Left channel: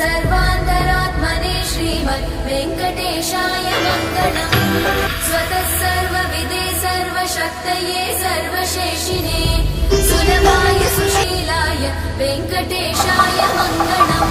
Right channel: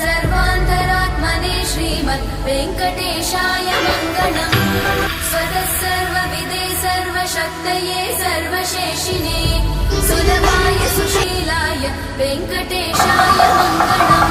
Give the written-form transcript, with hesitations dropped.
सर्वान्तरात्मने श्रीमद् वेङ्कटेशाय मङ्गलम्। स्वतः सर्वविदे सर्वशक्तये सर्वशेषिणे सुलभाय सुशीलाय वेङ्कटेशाय मङ्गलम्।